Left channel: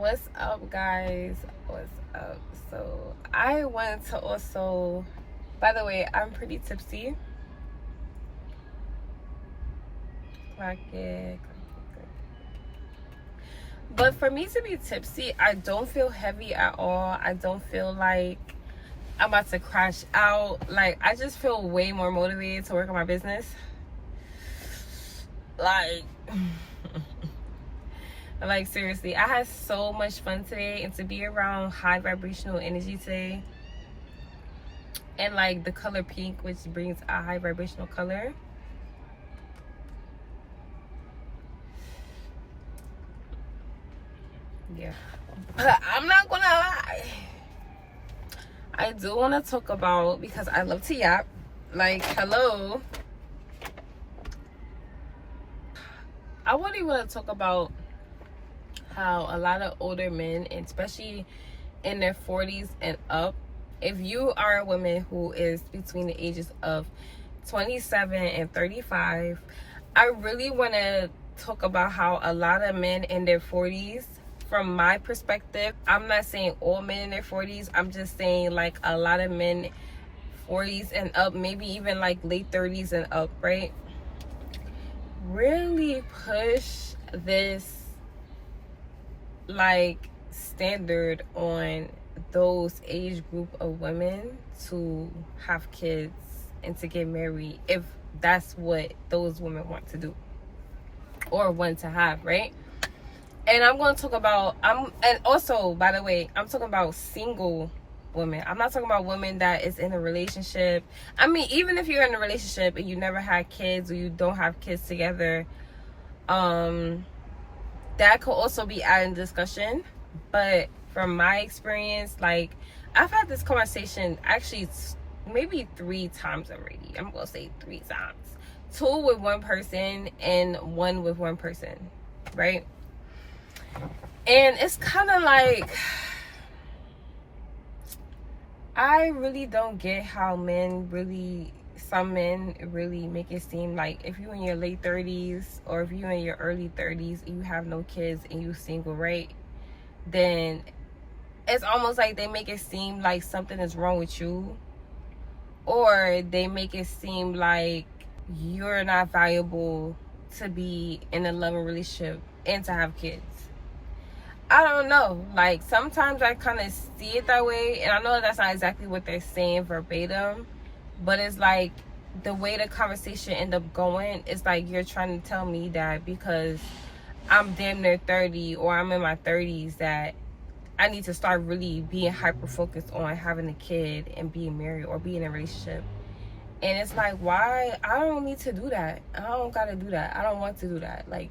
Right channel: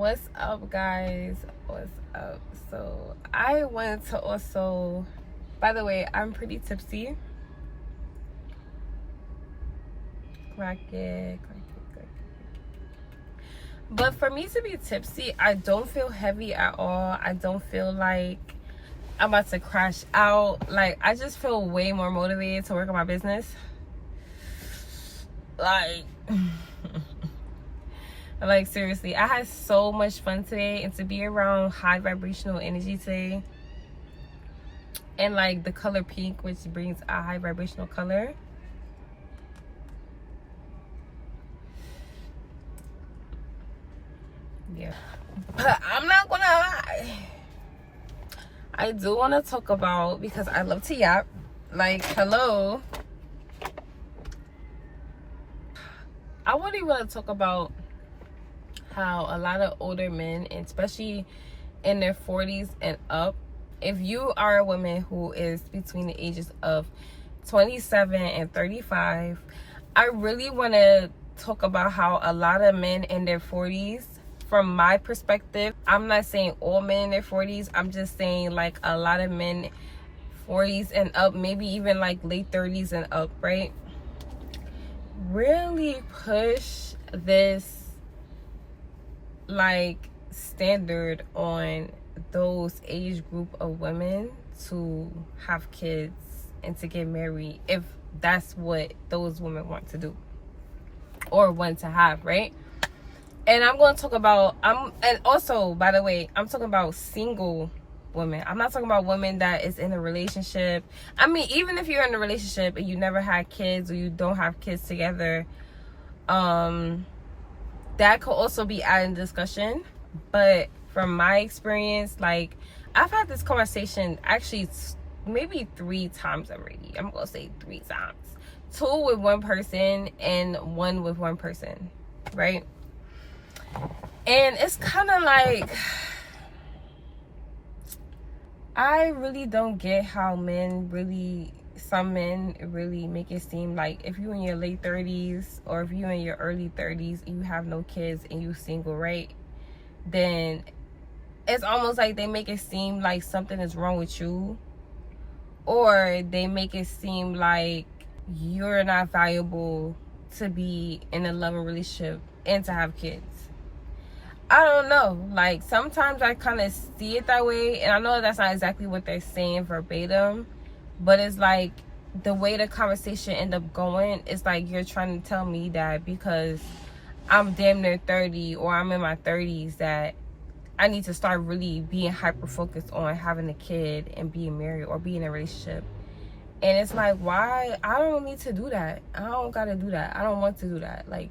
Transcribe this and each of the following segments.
What's up, guys? What's up? So I wanted to also, by the way, I'm pretty tipsy. Clock it. But for me to be tipsy, I don't feel heavy at all. I don't feel like I'm about to crash out. Like, I just feel way more motivated to work on my business. Like like, seriously, I had so much fun today, and to be around high vibrational energy today, and like the color pink, which brings a high vibrational color. Yeah, but I'm not gonna lie, I do want to talk about, because I love to yap, like, hello, I really want to talk about how a lot of older men, especially in their 40s and up, if you are a woman who is between the ages of 27 and 35, I really want to talk about how a lot of men in their 40s, from my perspective, I'm not saying all men in their 40s, I'm just saying like a lot of men 40s and up, maybe even like late 30s and up, right, really push this like standard on those age group of women to have kids and to get married, if that's what those women want to do or want to have, right? And I'm going to talk about, and also, by the way, I'm talking about single women. I'm not talking about women that is in a relationship. I mean, even if you're in a relationship and you never had kids, or you don't have kids together, that could also be added in discussion. But from my experience, like, I've had this conversation actually maybe 3 times already. I'm gonna say 3 times. 2 with one person and 1 with one person, right? And it's kind of like, I really don't get how some men really make it seem like if you're in your late 30s or if you're in your early 30s and you have no kids and you're single, right, then it's almost like they make it seem like something is wrong with you, or they make it seem like you're not valuable to be in a loving relationship and to have kids. I don't know, like, sometimes I kind of see it that way, and I know that's not exactly what they're saying verbatim, but it's like the way the conversation end up going, it's like you're trying to tell me that because I'm damn near 30 or I'm in my 30s that I need to start really being hyper focused on having a kid and being married or being in a relationship. And it's like, why? I don't need to do that. I don't gotta do that. I don't want to do that. Like,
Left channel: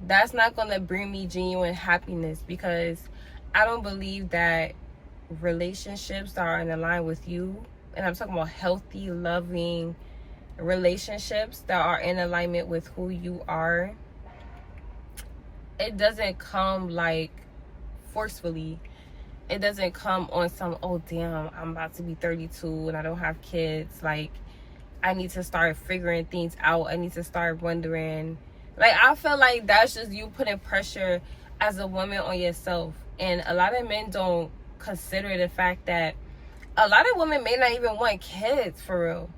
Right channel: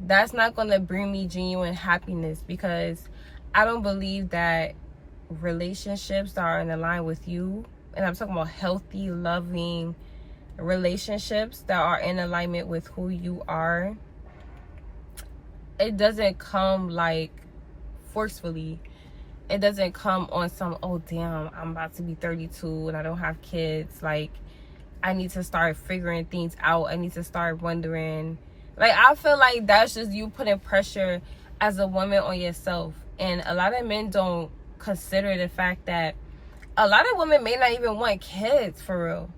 that's not gonna bring me genuine happiness, because I don't believe that relationships that are in line with you, and I'm talking about healthy, loving relationships that are in alignment with who you are, it doesn't come like forcefully. It doesn't come on some, oh damn, I'm about to be 32 and I don't have kids, like I need to start figuring things out, I need to start wondering. Like, I feel like that's just you putting pressure as a woman on yourself. And a lot of men don't consider the fact that a lot of women may not even want kids, for real.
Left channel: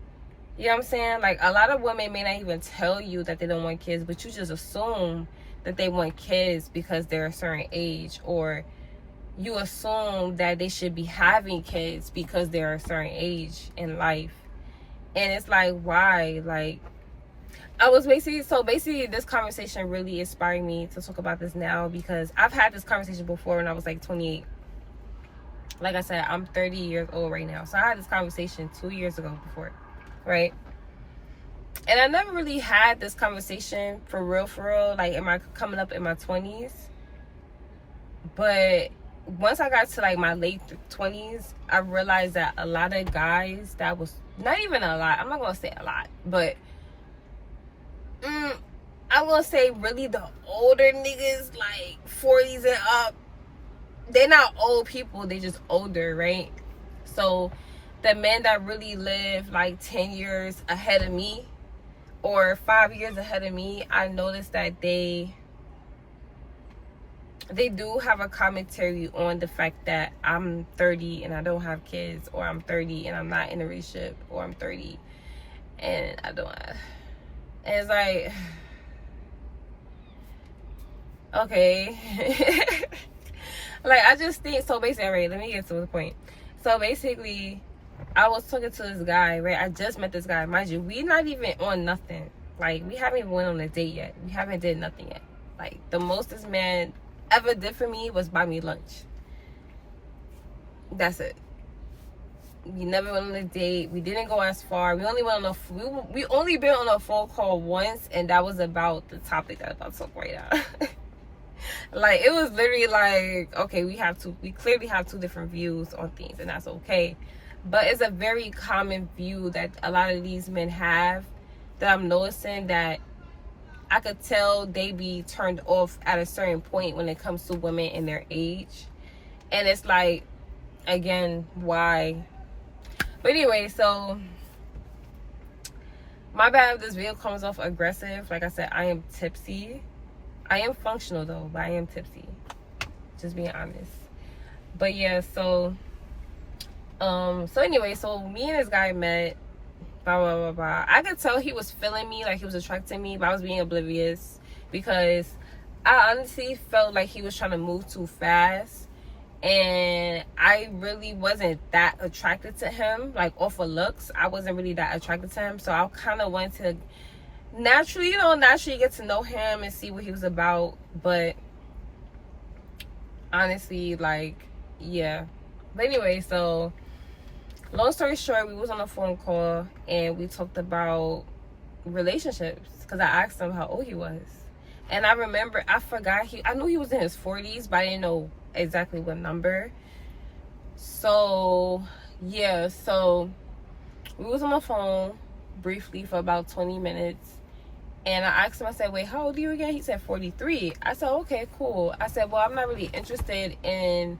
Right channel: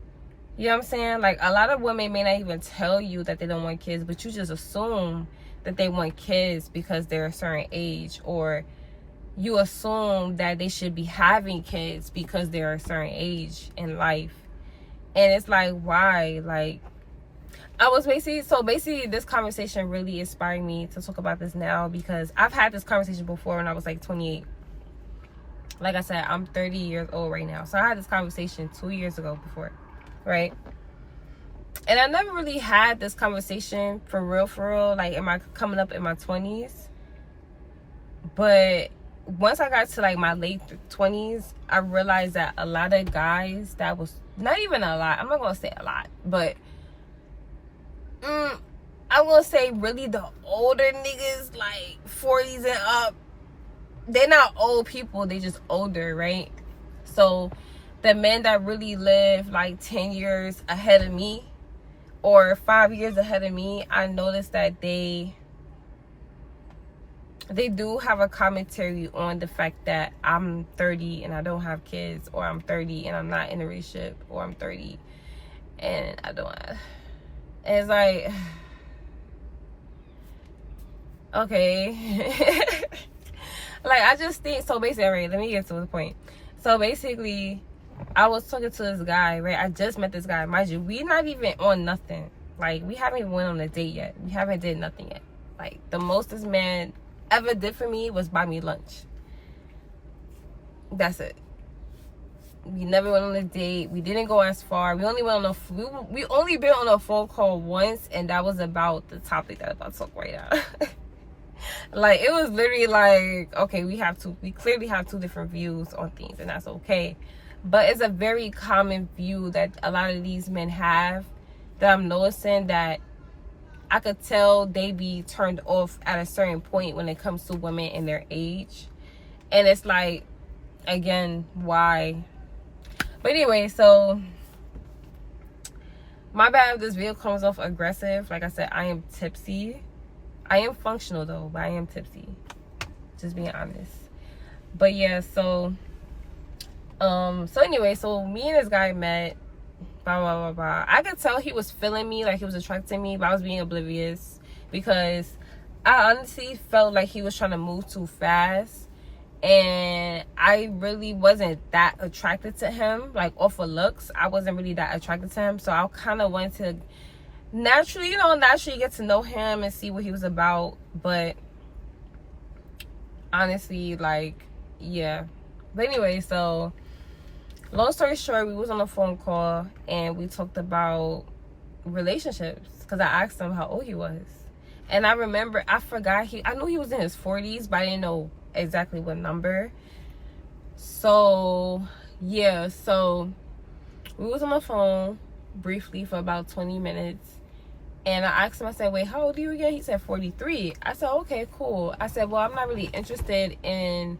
You know what I'm saying? Like, a lot of women may not even tell you that they don't want kids, but you just assume that they want kids because they're a certain age, or you assume that they should be having kids because they're a certain age in life. And it's like, why? Like, I was basically this conversation really inspired me to talk about this now, because I've had this conversation before when I was like 28. Like I said, I'm 30 years old right now. So I had this conversation 2 years ago before, right? And I never really had this conversation for real, like coming up in my 20s. But once I got to like my late 20s, I realized that a lot of guys, that was not even a lot, I'm not gonna say a lot, but I'm gonna say really the older niggas, like 40s and up, they're not old people, they just older, right? So the men that really live like 10 years ahead of me or 5 years ahead of me, I noticed that they they do have a commentary on the fact that I'm 30 and I don't have kids, or I'm 30 and I'm not in a relationship, or I'm 30 and I don't have. And it's like, okay. Like, I just think, so basically, right, let me get to the point. So basically, I was talking to this guy, right? I just met this guy. Mind you, we not even on nothing. Like, we haven't even went on a date yet. We haven't did nothing yet. Like, the most this man ever did for me was buy me lunch. That's it. We never went on a date. We didn't go as far. We only went on we only been on a phone call once, and that was about the topic that I'm about to talk right now. Like, it was literally like, okay, we clearly have two different views on things, and that's okay. But it's a very common view that a lot of these men have, that I'm noticing, that I could tell they be turned off at a certain point when it comes to women in their age. And it's like, again, why? But anyway, so my bad if this video comes off aggressive. Like I said, I am tipsy. I am functional though, but I am tipsy. Just being honest. But yeah, so anyway, so me and this guy met, blah blah blah blah. I could tell he was feeling me, like he was attracted to me, but I was being oblivious because I honestly felt like he was trying to move too fast. And I really wasn't that attracted to him, like off of looks. I wasn't really that attracted to him. So I kind of went to naturally get to know him and see what he was about. But honestly, like, yeah. But anyway, so long story short, we was on a phone call and we talked about relationships because I asked him how old he was. And I remember, I forgot, I knew he was in his 40s, but I didn't know exactly what number. So yeah, so we was on the phone briefly for about 20 minutes, and I asked him, I said, wait, how old are you again? He said 43. I said, okay, cool. I said, well, I'm not really interested in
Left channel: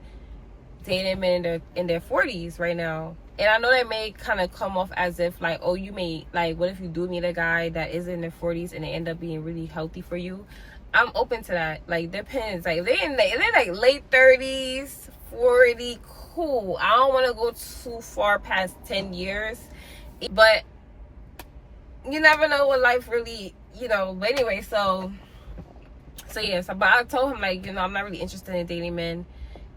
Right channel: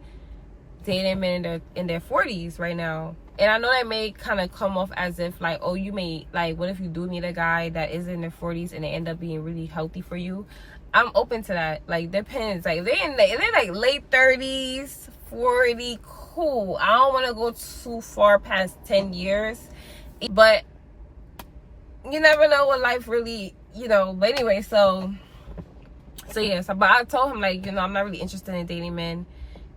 dating men in their 40s right now. And I know that may kind of come off as if like, oh, you may, like, what if you do meet a guy that is in their 40s and they end up being really healthy for you? I'm open to that. Like, depends. Like, they're like late 30s, 40, cool. I don't want to go too far past 10 years. But you never know what life really, But anyway, so yeah. So, but I told him, like, I'm not really interested in dating men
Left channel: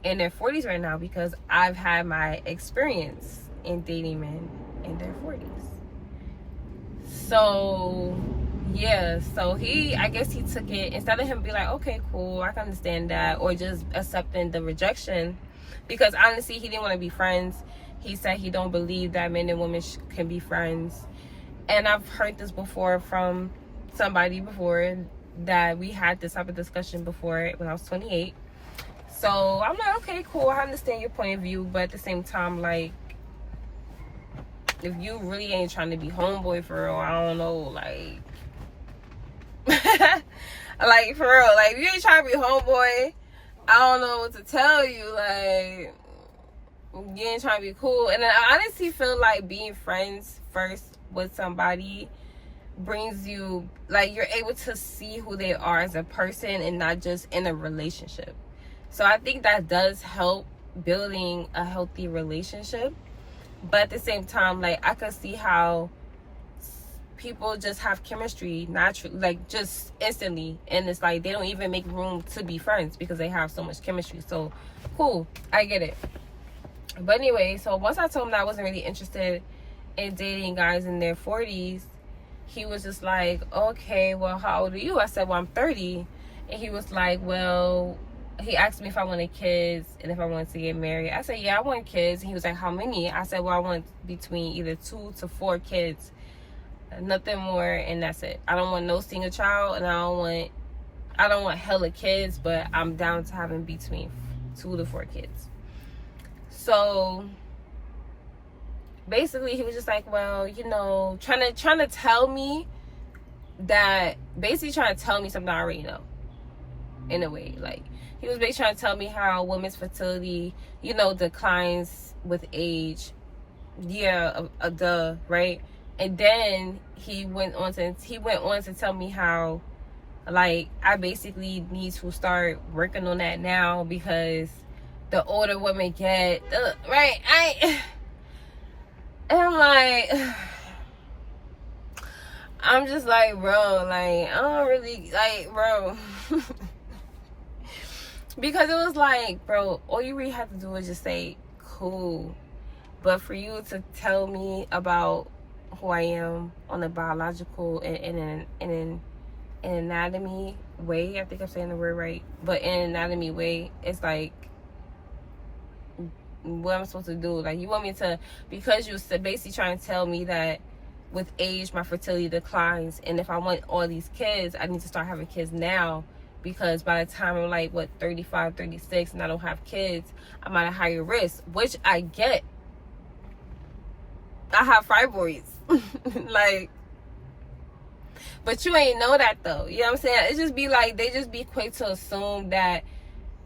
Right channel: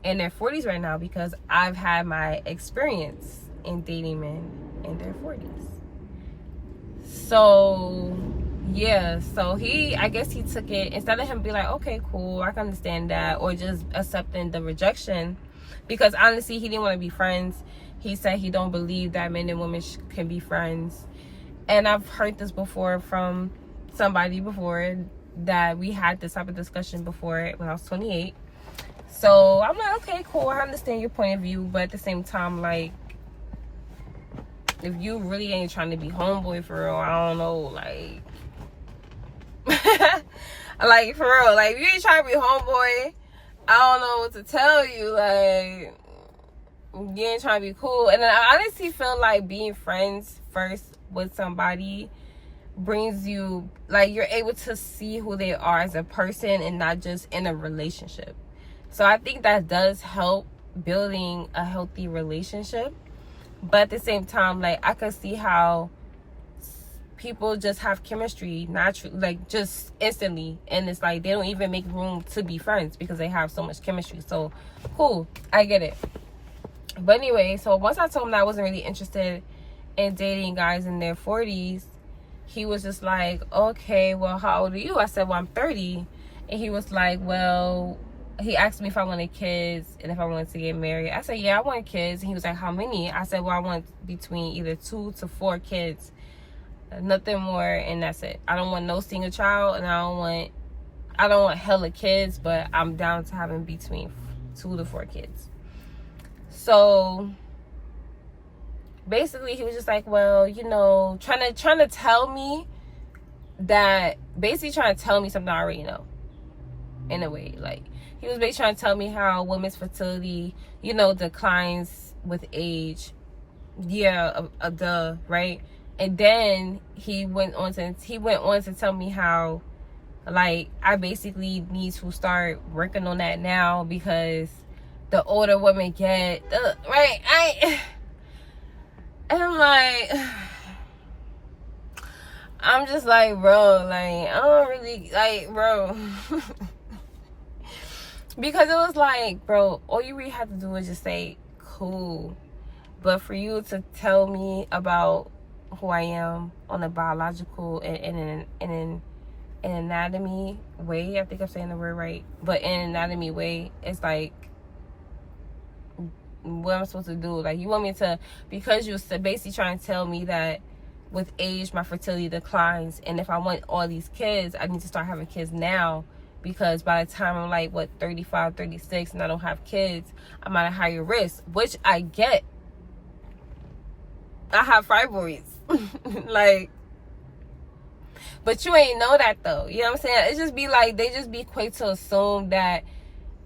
in their 40s right now because I've had my experience in dating men in their 40s. So yeah, so I guess he took it, instead of him be like, okay, cool, I can understand that, or just accepting the rejection, because honestly he didn't want to be friends. He said he don't believe that men and women can be friends. And I've heard this before from somebody before, that we had this type of discussion before when I was 28. So I'm like, okay, cool, I understand your point of view, but at the same time, like, if you really ain't trying to be homeboy for real, I don't know, like, like, for real, like, if you ain't trying to be homeboy, I don't know what to tell you. Like, you ain't trying to be cool. And I honestly feel like being friends first with somebody brings you, like, you're able to see who they are as a person and not just in a relationship. So I think that does help building a healthy relationship. But at the same time, like, I could see how people just have chemistry naturally, like, just instantly, and it's like they don't even make room to be friends because they have so much chemistry. So cool, I get it. But anyway, so once I told him that I wasn't really interested in dating guys in their 40s, he was just like, okay, well, how old are you? I said, well, I'm 30. And he was like, well, he asked me if I wanted kids and if I wanted to get married. I said, yeah, I want kids. And he was like, how many? I said, well, I want between either 2 to 4 kids. Nothing more, and that's it. I don't want no single child, and I don't want hella kids, but I'm down to having between 2 to 4 kids. So basically he was just like, well, trying to tell me that, basically trying to tell me something I already know, in a way. Like, he was basically trying to tell me how women's fertility, declines with age. Yeah, right? And then he went on to tell me how Like, I basically need to start working on that now, because the older women get, right? And I'm like, I'm just like, bro, like, I don't really, like, bro. Because it was like, bro, all you really have to do is just say, cool. But for you to tell me about who I am on a biological and an anatomy way, I think I'm saying the word right, but in an anatomy way, it's like, what am I supposed to do? Like, you want me to, because you're basically trying to tell me that with age my fertility declines, and if I want all these kids, I need to start having kids now, because by the time I'm like, what, 35, 36, and I don't have kids, I'm at a higher risk, which I get. I have fibroids. Like, but you ain't know that though. You know what I'm saying? It just be like, they just be quick to assume that,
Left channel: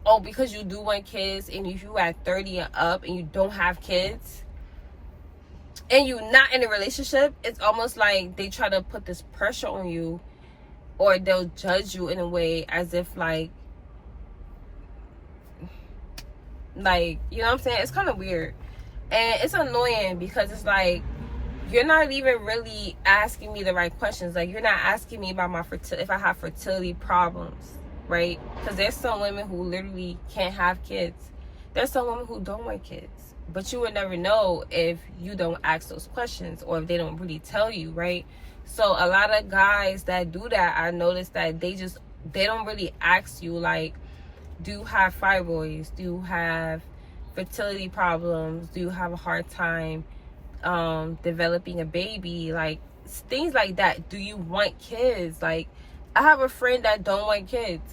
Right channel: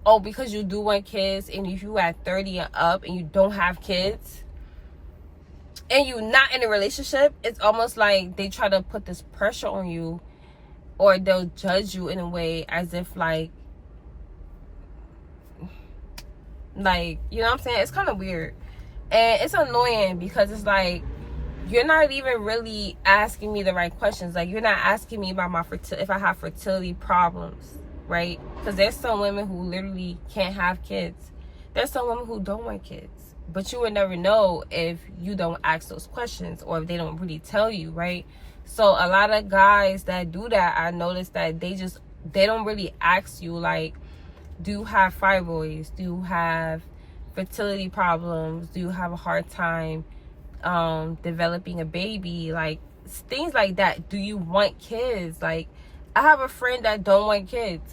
oh, because you do want kids, and if you at 30 and up and you don't have kids, and you're not in a relationship, it's almost like they try to put this pressure on you, or they'll judge you in a way as if like, you know what I'm saying? It's kind of weird. And it's annoying, because it's like, you're not even really asking me the right questions. Like, you're not asking me about my if I have fertility problems, right? Because there's some women who literally can't have kids. There's some women who don't want kids. But you would never know if you don't ask those questions, or if they don't really tell you, right? So a lot of guys that do that, I noticed that they don't really ask you, like, do you have fibroids? Do you have fertility problems? Do you have a hard time developing a baby? Like, things like that. Do you want kids? Like, I have a friend that don't want kids,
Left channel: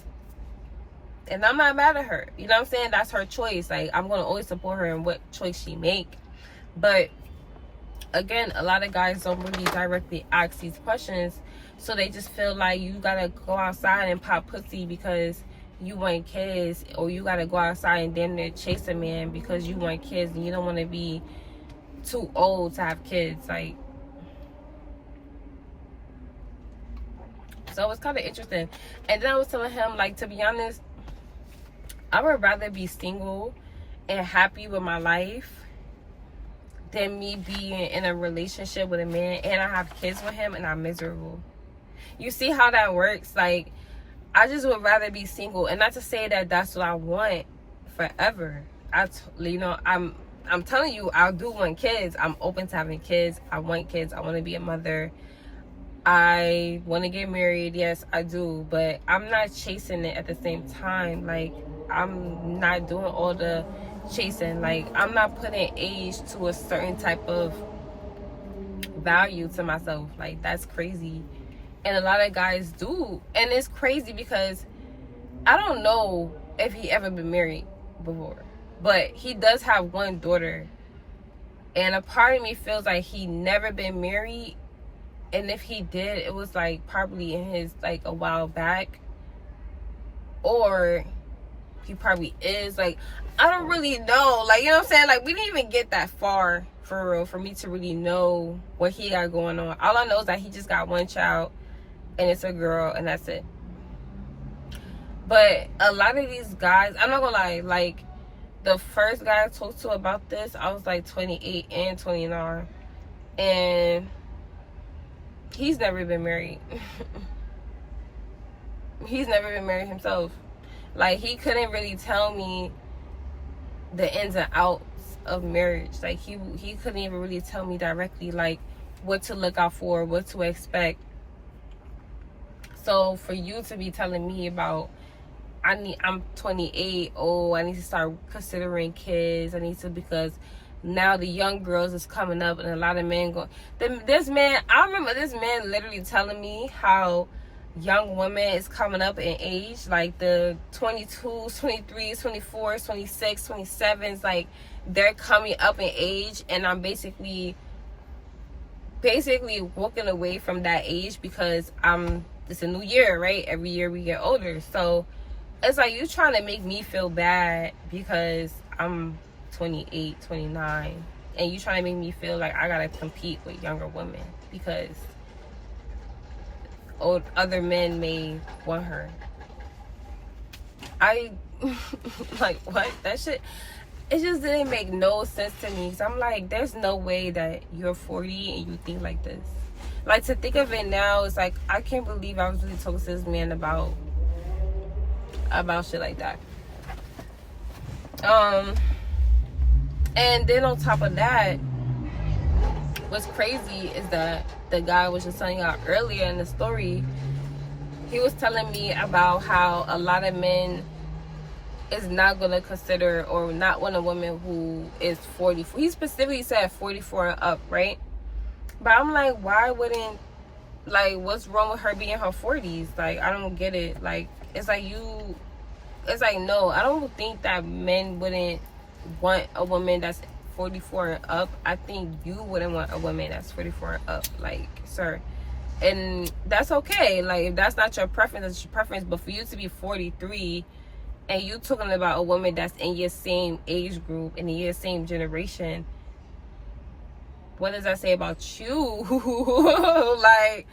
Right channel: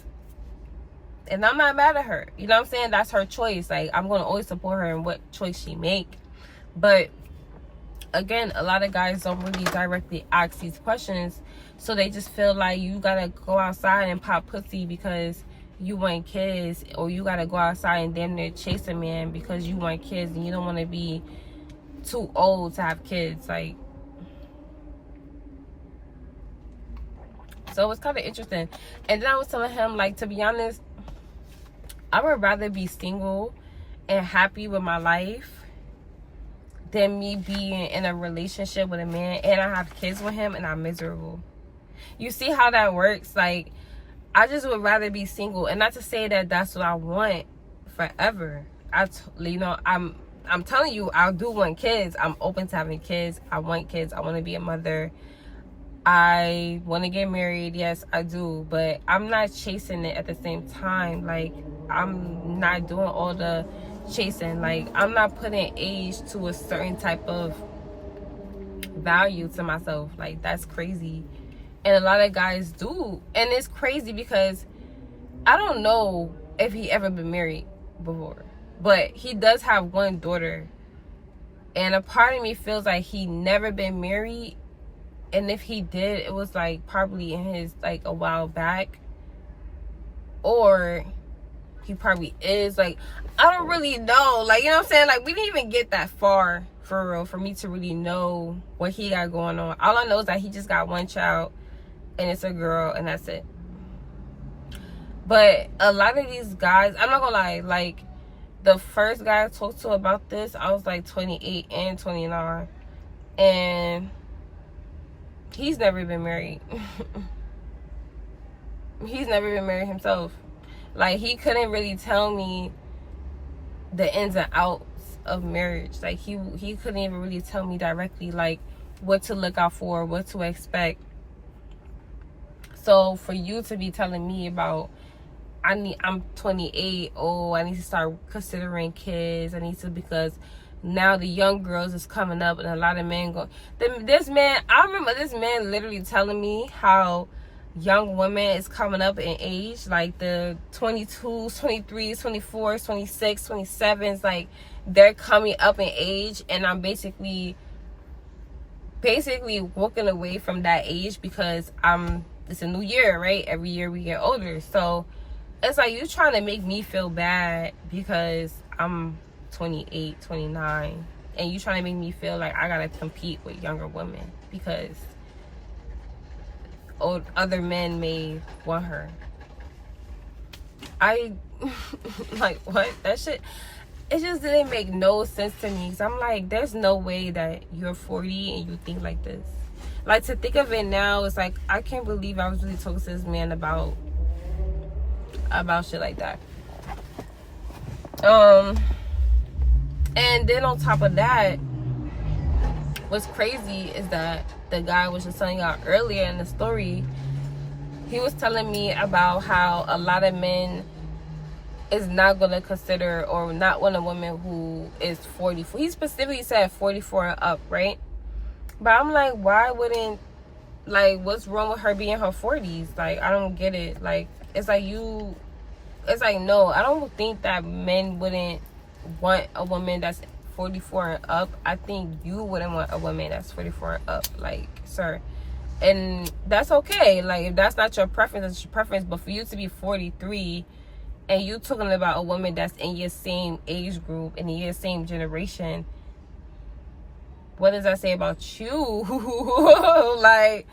and I'm not mad at her. You know what I'm saying? That's her choice. Like, I'm going to always support her in what choice she make. But again, a lot of guys don't really directly ask these questions, so they just feel like you gotta go outside and pop pussy because you want kids, or you gotta go outside and damn near chase a man because you want kids, and you don't want to be too old to have kids. Like, so it's kind of interesting. And then I was telling him, like, to be honest, I would rather be single and happy with my life than me being in a relationship with a man and I have kids with him and I'm miserable. You see how that works? Like, I just would rather be single. And not to say that that's what I want forever. I'm telling you, I do want kids. I'm open to having kids. I want kids. I want to be a mother. I want to get married. Yes, I do. But I'm not chasing it at the same time. Like, I'm not doing all the chasing. Like, I'm not putting age to a certain type of value to myself. Like, that's crazy. And a lot of guys do. And it's crazy because I don't know if he ever been married before, but he does have one daughter, and a part of me feels like he never been married, and if he did, it was like probably in his, like, a while back, or he probably is. Like, I don't really know. Like, you know what I'm saying? Like, we didn't even get that far for real for me to really know what he got going on. All I know is that he just got one child, and it's a girl, and that's it. But a lot of these guys, I'm not gonna lie, like, the first guy I talked to about this, I was like 28 and 29, and he's never been married. He's never been married himself. Like, he couldn't really tell me the ins and outs of marriage. Like, he couldn't even really tell me directly, like, what to look out for, what to expect. So for you to be telling me about, I'm 28, oh, I need to start considering kids, I need to, because now the young girls is coming up, and a lot of men go, this man, I remember this man literally telling me how young women is coming up in age, like the 22s, 23s, 24s, 26, 27s, like, they're coming up in age, and I'm basically walking away from that age because it's a new year, right? Every year we get older. So it's like, you trying to make me feel bad because I'm 28, 29, and you trying to make me feel like I gotta compete with younger women because other men may want her. I like, what? That shit, it just didn't make no sense to me. So I'm like, there's no way that you're 40 and you think like this. Like, to think of it now, it's like, I can't believe I was really talking to this man about shit like that. And then on top of that, what's crazy is that the guy I was just telling y'all earlier in the story, he was telling me about how a lot of men is not going to consider or not want a woman who is 44. He specifically said 44 and up, right? But I'm like, why wouldn't, like, what's wrong with her being in her 40s? Like, I don't get it. Like, it's like, no, I don't think that men wouldn't want a woman that's 44 and up. I think you wouldn't want a woman that's 44 and up, like, sir. And that's okay. Like, if that's not your preference, that's your preference. But for you to be 43 and you talking about a woman that's in your same age group and in your same generation, what does that say about you? Like,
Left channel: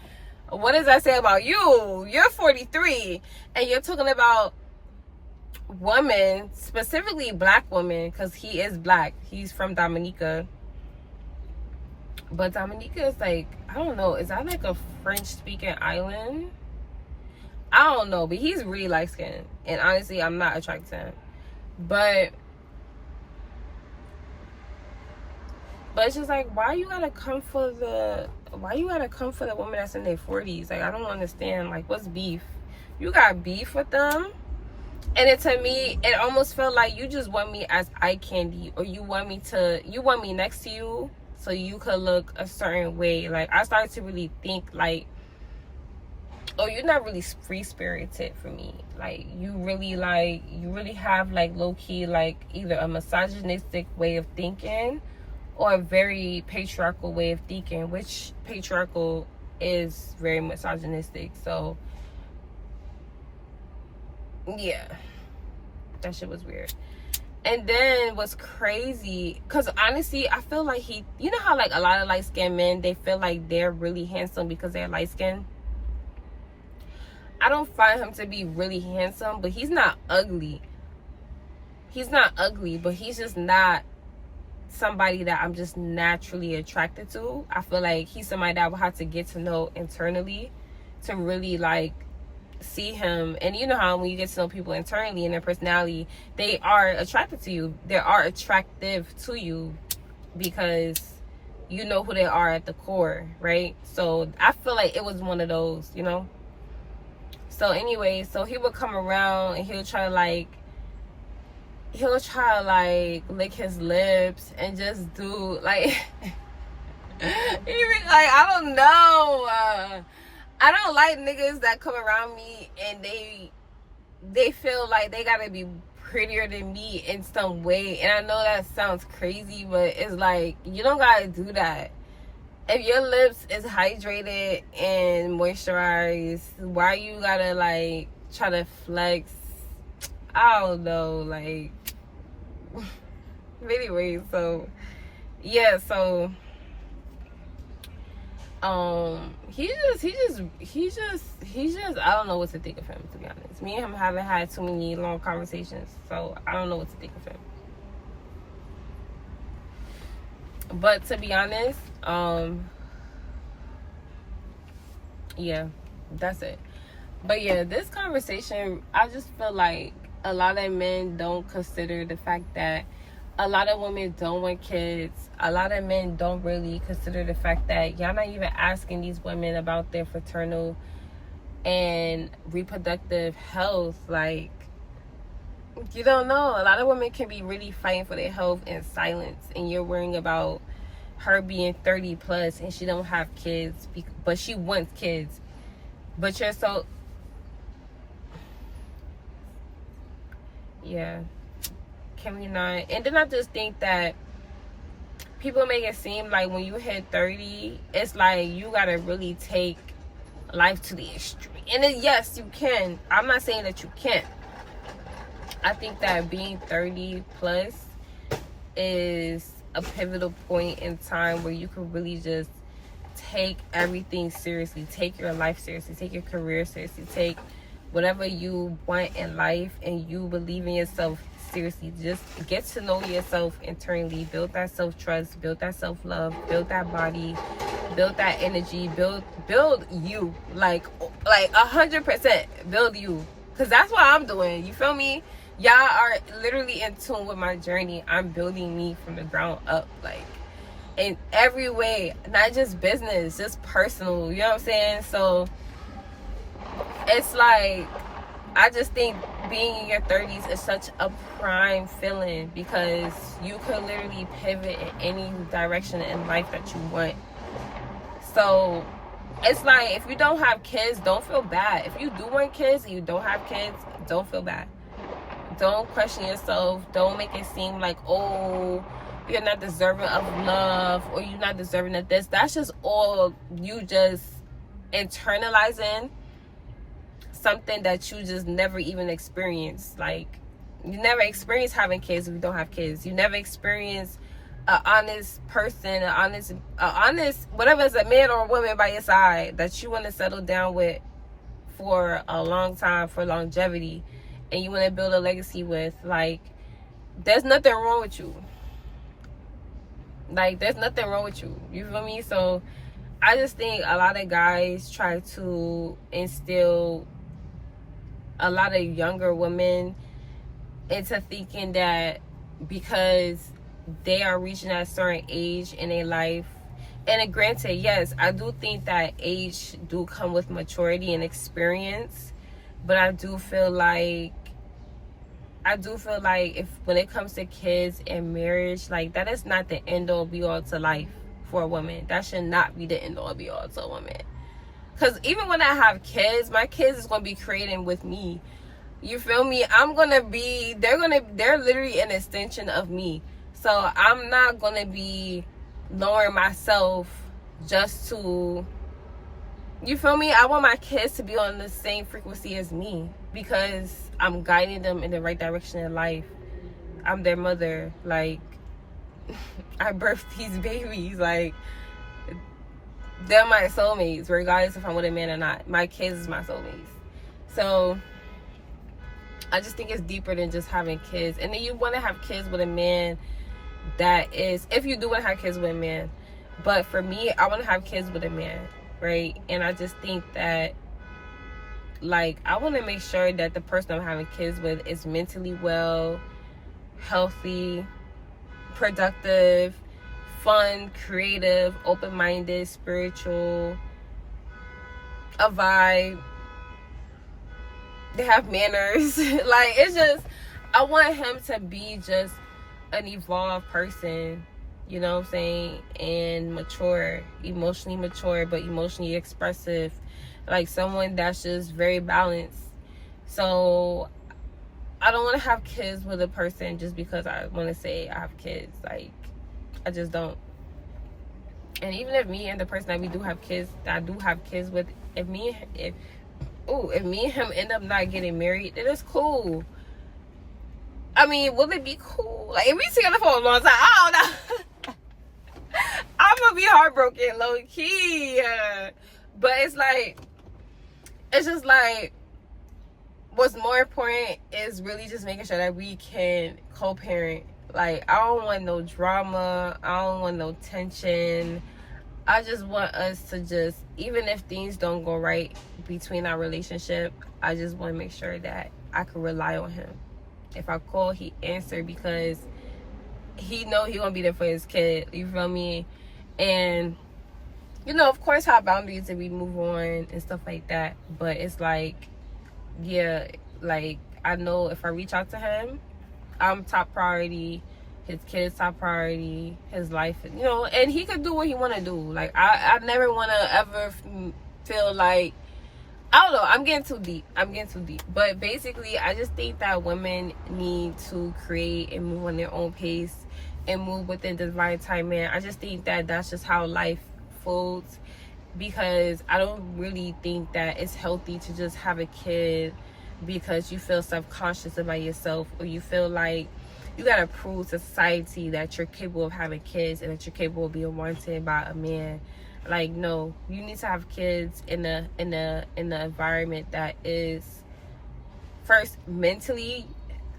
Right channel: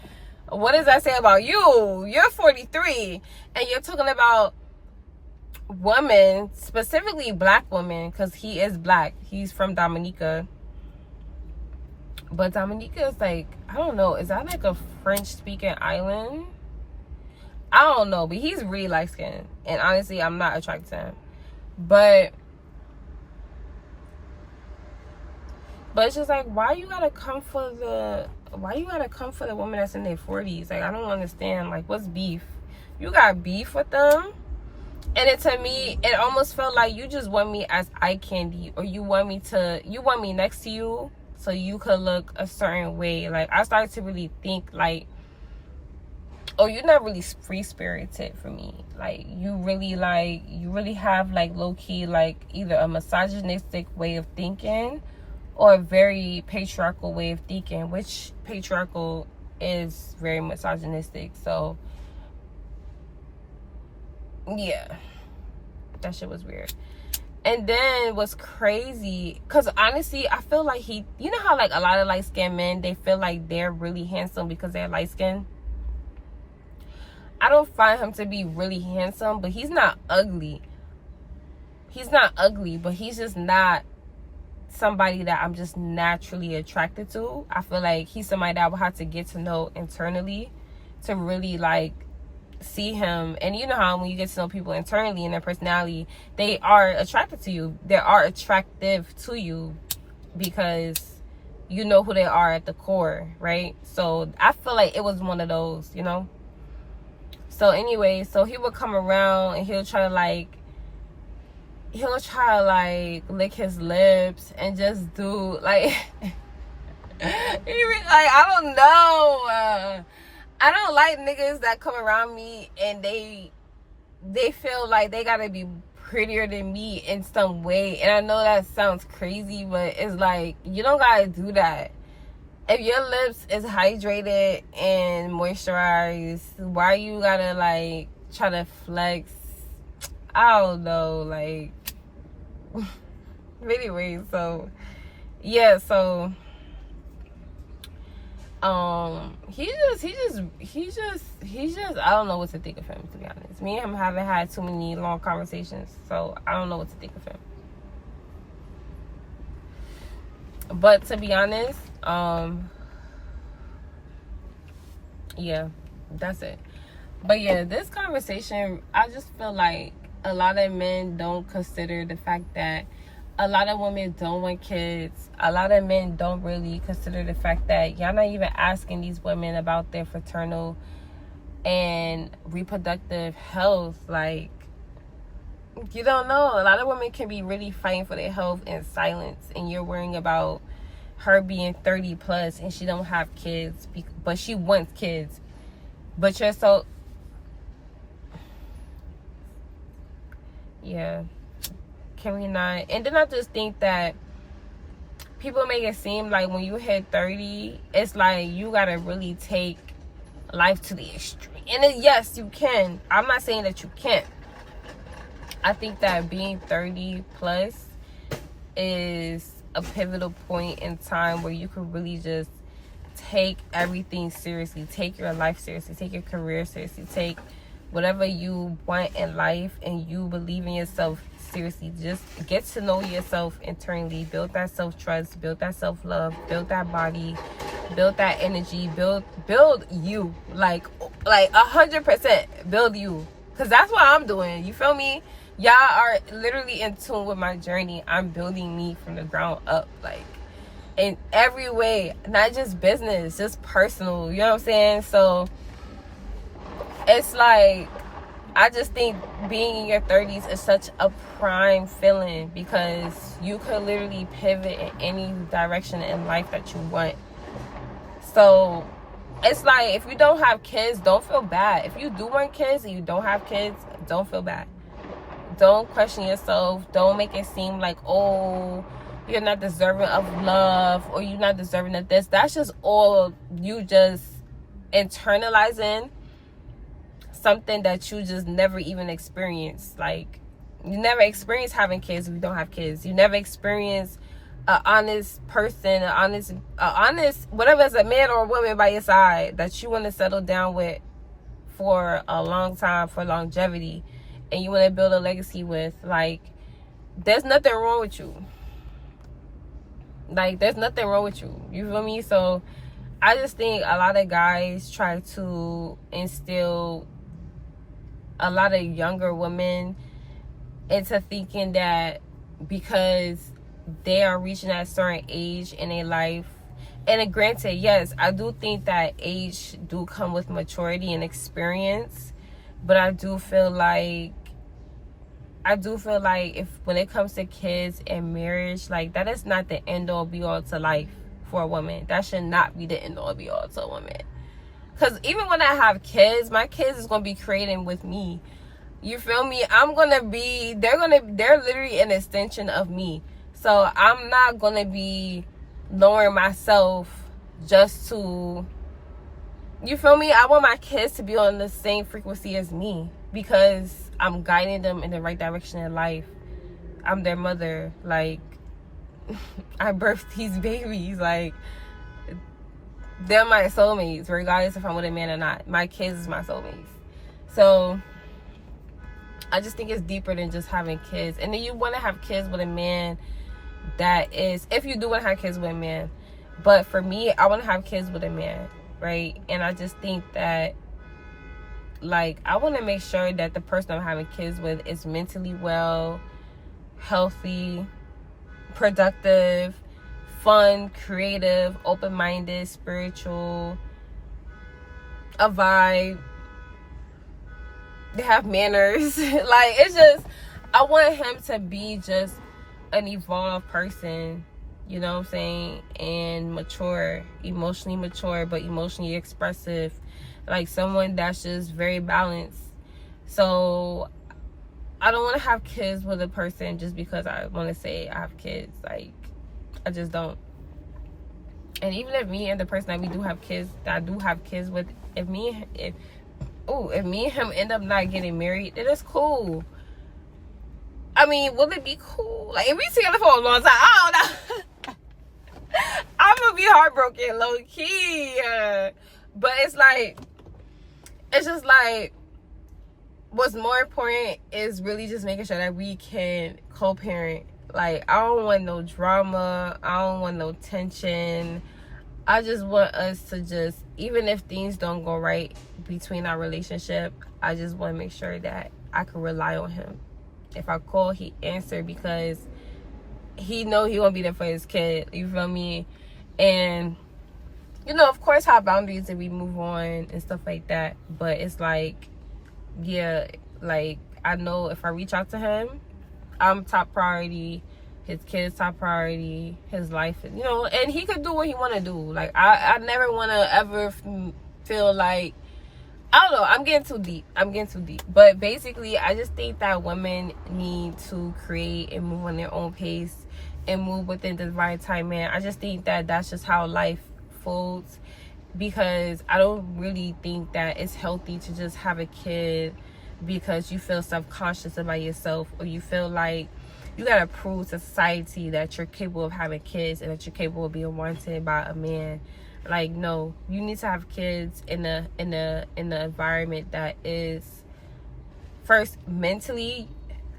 what does that say about you? You're 43 and you're talking about women, specifically black women, because he is black. He's from Dominica. But Dominica is like, I don't know, is that like a French-speaking island? I don't know, but he's really light-skinned. And honestly, I'm not attracted to him. But it's just like, why you gotta come for the woman that's in their 40s? Like, I don't understand. Like, what's beef? You got beef with them? And to me, it almost felt like you just want me as eye candy, or you want me next to you so you could look a certain way. Like, I started to really think like, oh, you're not really free spirited for me. Like, you really have like low key, like, either a misogynistic way of thinking or a very patriarchal way of thinking, which patriarchal is very misogynistic. So yeah, that shit was weird. And then what's crazy, because honestly, I feel like you know how like a lot of light-skinned men, they feel like they're really handsome because they're light-skinned? I don't find him to be really handsome, but he's not ugly. He's not ugly, but he's just not somebody that I'm just naturally attracted to. I feel like he's somebody that I would have to get to know internally to really like see him. And you know how when you get to know people internally and their personality, they are attracted to you. They are attractive to you because you know who they are at the core, right? So I feel like it was one of those, you know? So anyway, so he would come around and he'll try to lick his lips and just do like even like, I don't know, I don't like niggas that come around me and they feel like they gotta be prettier than me in some way. And I know that sounds crazy, but it's like, you don't gotta do that. If your lips is hydrated and moisturized, why you gotta like try to flex? I don't know, like anyway, so yeah, so he just I don't know what to think of him, to be honest. Me and him haven't had too many long conversations, so I don't know what to think of him. But to be honest, yeah, that's it. But yeah, this conversation, I just feel like a lot of men don't consider the fact that a lot of women don't want kids. A lot of men don't really consider the fact that y'all not even asking these women about their fraternal and reproductive health. Like, you don't know. A lot of women can be really fighting for their health in silence, and you're worrying about her being 30 plus and she don't have kids, but she wants kids. But you're so... yeah. Can we not? And then I just think that people make it seem like when you hit 30, it's like you gotta really take life to the extreme. And then, yes, you can. I'm not saying that you can't. I think that being 30 plus is a pivotal point in time where you can really just take everything seriously. Take your life seriously. Take your career seriously. Take whatever you want in life and you believe in yourself seriously. Just get to know yourself internally. Build that self-trust. Build that self-love. Build that body. Build that energy. Build you. Like 100%. Build you. Because that's what I'm doing. You feel me? Y'all are literally in tune with my journey. I'm building me from the ground up. Like, in every way. Not just business. Just personal. You know what I'm saying? So, it's like, I just think being in your 30s is such a prime feeling because you could literally pivot in any direction in life that you want. So it's like, if you don't have kids, don't feel bad. If you do want kids and you don't have kids, don't feel bad. Don't question yourself. Don't make it seem like, oh, you're not deserving of love or you're not deserving of this. That's just all you just internalizing something that you just never even experienced. Like, you never experience having kids if you don't have kids. You never experience an honest person, an honest, whatever, it's a man or a woman by your side that you want to settle down with for a long time, for longevity, and you want to build a legacy with. Like, there's nothing wrong with you. Like, there's nothing wrong with you. You feel me? So I just think a lot of guys try to instill a lot of younger women into thinking that because they are reaching a certain age in their life, and granted, yes, I do think that age do come with maturity and experience, but I do feel like if when it comes to kids and marriage, like, that is not the end all be all to life for a woman. That should not be the end all be all to a woman. Because even when I have kids, my kids is going to be creating with me. You feel me? They're literally an extension of me. So I'm not going to be lowering myself just to, you feel me? I want my kids to be on the same frequency as me because I'm guiding them in the right direction in life. I'm their mother. Like, I birthed these babies. Like, they're my soulmates, regardless if I'm with a man or not. My kids is my soulmates. So I just think it's deeper than just having kids. And then you want to have kids with a man that is, if you do want to have kids with a man. But for me, I want to have kids with a man, right? And I just think that, like, I want to make sure that the person I'm having kids with is mentally well, healthy, productive, fun, creative, open-minded, spiritual, a vibe. They have manners. Like, it's just, I want him to be just an evolved person, you know what I'm saying, and mature, emotionally mature, but emotionally expressive. Like, someone that's just very balanced. So I don't want to have kids with a person just because I want to say I have kids. Like, I just don't. And even if me and the person that we do have kids, that I do have kids with, if me and him end up not getting married, then it's cool. I mean, will it be cool? Like, if we together for a long time, I don't know. I'm gonna be heartbroken, low key. But it's like, it's just like, what's more important is really just making sure that we can co-parent. Like, I don't want no drama. I don't want no tension. I just want us to just, even if things don't go right between our relationship, I just want to make sure that I can rely on him. If I call, he answer because he know he won't be there for his kid. You feel me? And, you know, of course, have boundaries if we move on and stuff like that. But it's like, yeah, like, I know if I reach out to him, I'm top priority. His kids top priority. His life, you know, and he could do what he want to do. Like, I never want to ever feel like, I don't know, I'm getting too deep. But basically, I just think that women need to create and move on their own pace and move within the divine time, man. I just think that that's just how life folds, because I don't really think that it's healthy to just have a kid because you feel self-conscious about yourself, or you feel like you gotta prove to society that you're capable of having kids and that you're capable of being wanted by a man. Like, no, you need to have kids in the environment that is first mentally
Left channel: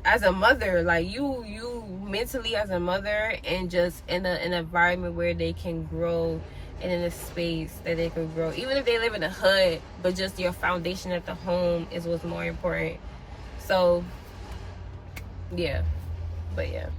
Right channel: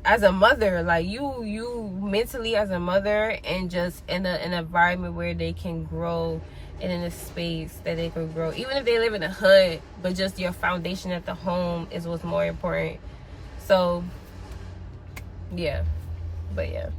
as a mother, like you mentally as a mother, and just in an environment where they can grow, and in a space that they could grow, even if they live in a hood, but just your foundation at the home is what's more important. So yeah, but yeah.